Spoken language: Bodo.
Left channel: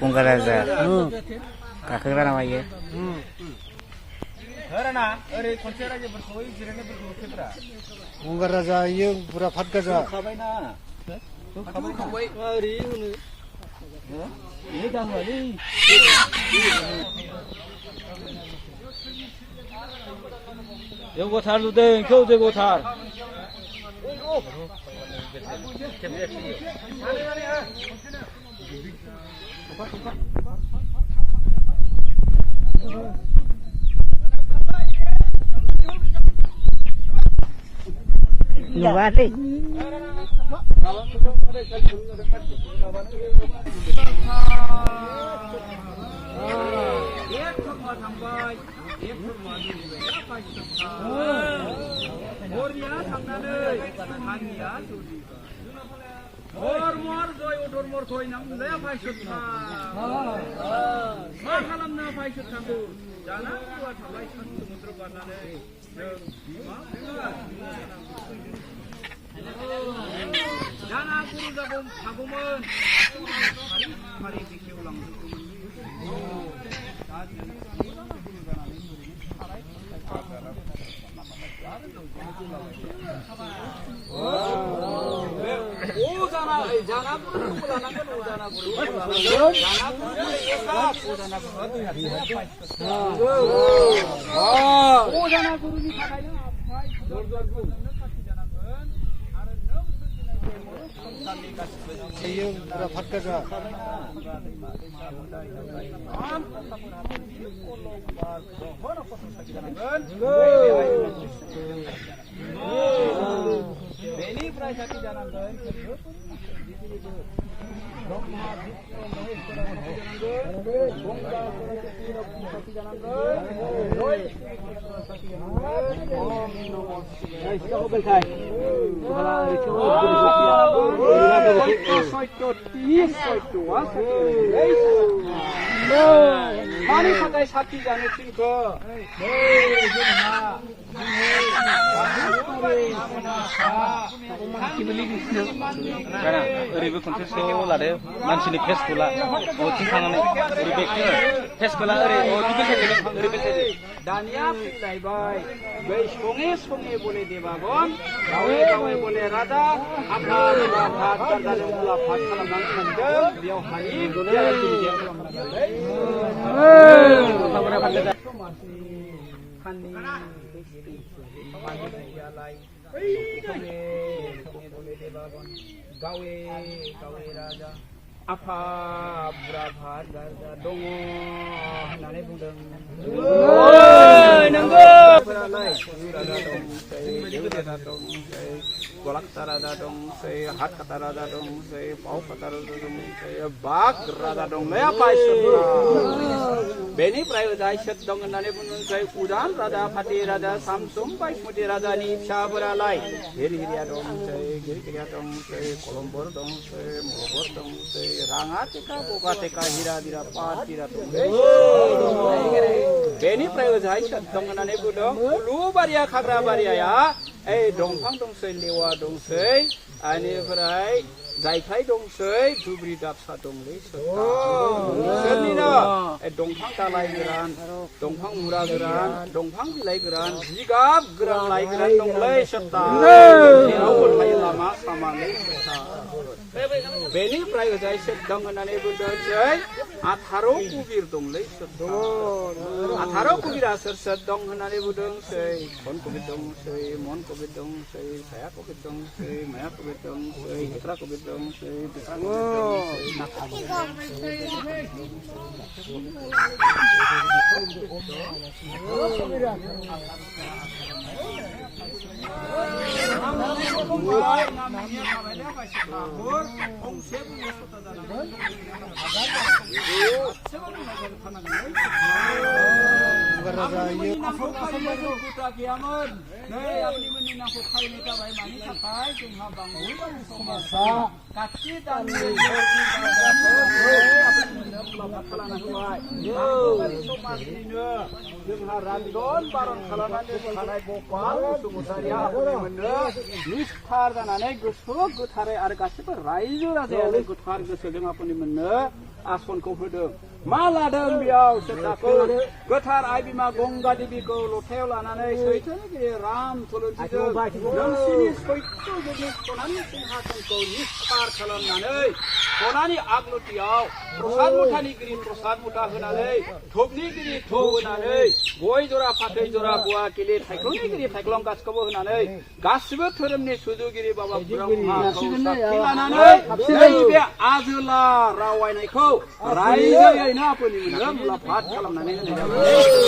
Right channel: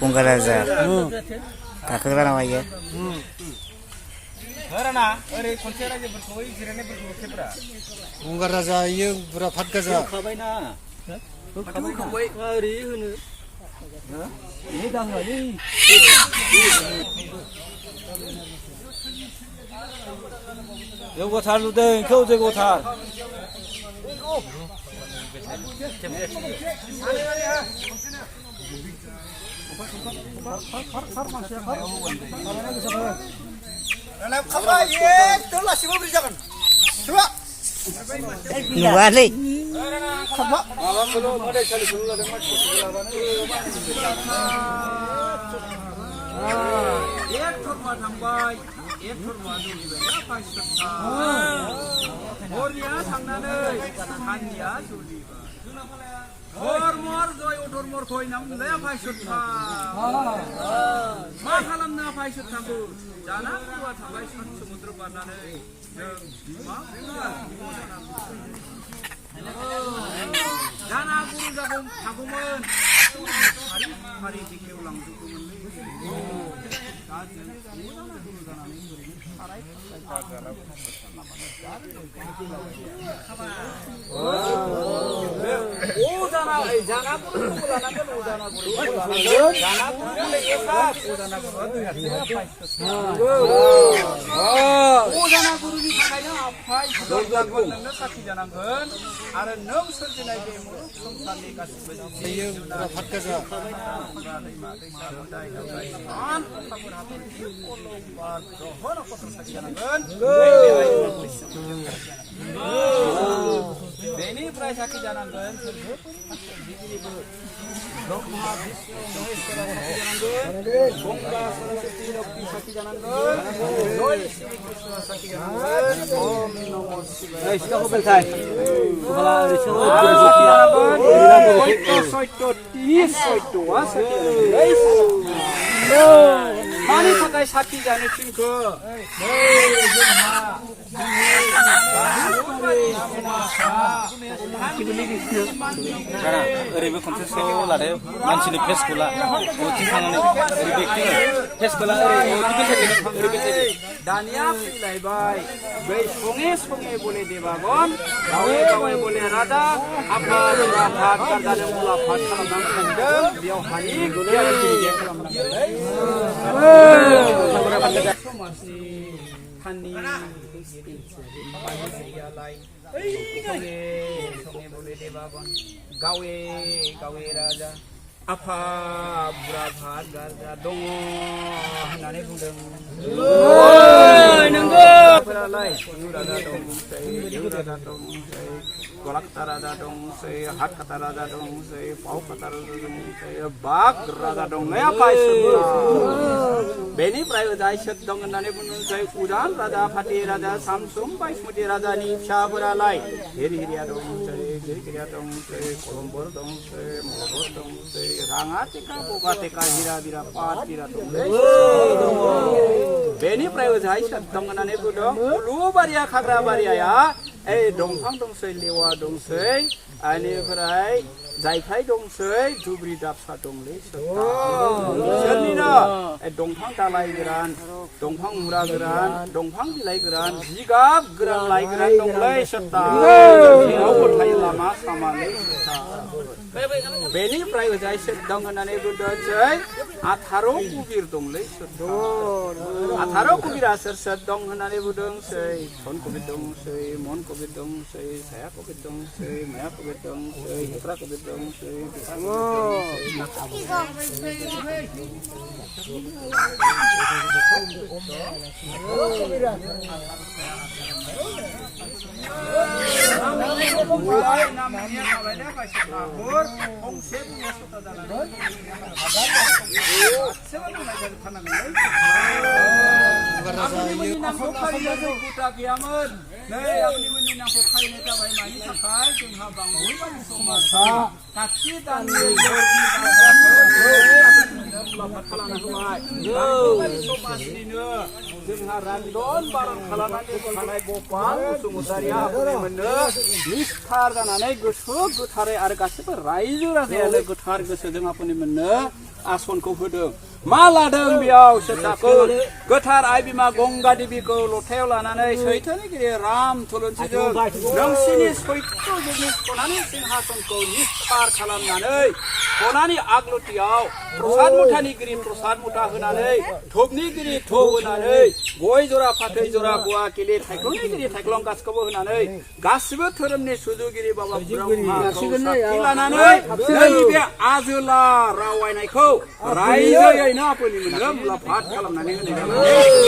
गंगार राजा गाखोग्रा नामा इयो गंगार राजा इयो बुरा फाट गाजा जौगाथार नुदों बेखौ जौगाथार नुवालै धर्मर जय धर्मर थय नामले फायसथा मा खालामना फायसथाखौ जाना दुआ थाबाय सान समुद्र बारनानै जों बिमा जाना गुरु जागौ थागौमोन फारि फारि बेखेव लांजोबगौमोनलै दा जों गुरु जानानै ओरैनो साराय अजाना गुरुनि थाखायनो आफाय नोंनो साखि जानांगोन आरो नों सोरजिनाय बे मुलुग संसारनि गासिबो बेनिफ्राय साखि जानांगोन मानि थाखाय साखि जानो थिनखो ओरैबो कन्टेक्सआव लादो मानसिनि फेसखौ ला अथिं थांनानै ओरै फेसखौ ला ओरै दानिया फैलायबाय बै सङै सङै बले देबागन गावे गावे बले राजा आफाद राफाद गारजानो मुलाफाद खालामनानै मोनदों बेयाव हानि समाजनि थाननि गावे गावे राजा आफा बुरा भात गारजा दङ होननानै बुंदों नंगौ राजा दंसै देव राजा दंसै गलाक्ता राजा दंसै हात काटा राजा दंसै पाव काटा राजा दंसै बाग राजा दंलै आफा बेनिफ्राय ओजा इसोर दं होननानै बुंदोंसै उजान राजा फाति राजा सामसुम बायसमुति राजानि फिसाफोरालाय हिरिया दंसै गिरगिरिया दंसै कलम्बर दंसै मलबर दंसै राङा टेका बगा टेका हिरा बिरा पात बिरा दंलै बेनिफ्राय ओजा इसोर दं होननानै बुंदों उलुबारिया खाग्रा बारिया दंफां दंसै लेवा दंसै बेनिफ्राय जायखाय दंसै दुब्रि दाबसा दंलै सोरनिनो दंफां दालाय गोरान दंफां मुरा गोरान दंफां बिलाइ गोरान जिगाब गोरान लाइ गोरान दंलै सोरता लामा सामालै बेनिफ्राय ओजाय सोर दं होननानै बुंदोंसै 18 कुबिर दंलै सोरता 18 कुबिरा सोर सोर दं होननानै बुंदोंसै धन कुबिर दंसै मन कुबिर दंसै साया कुबिर दंसै माया कुबिर दंसै हेफ्रा कुबिर दंसै जोंहा रान्दन बारन खालामनानै थानाय गपाल बसुमतारिया मोननो निस्थार जानानै गोसो गोथारै आरो गासिबो रायजो राजायानो गोथार गोसोजों आफुनि मोननो आसनखौ होदों मा लादों बेयाव सेताखौ गोथार आइ बिमा गंगा देबीखौ लथायाव लानानै सैथोनि गिरि राम थुलुंसिजों नोंसिनि सैथो जुगनि सनानि सिंहासनखौ निस्तार खालामनानै सनानि आगलथियाव प्रसाद मुथानि गिरि प्रसाद मुथा होनानै धुपनि गिरि धुप होनानै गय जरा फाथै जरा गुवा किलि थाइखंनि गिरि थाइख्लं गासिखौबो होनानै गासिबो धोरोमनि सुजुगिरि बाबा ब्रह्माखौ साखि लानानै नैबे आजोला रावायनायखौ रायजोयैनो आफोनि मोननो मुलाम्फात खालामनानै होनाय जाबाय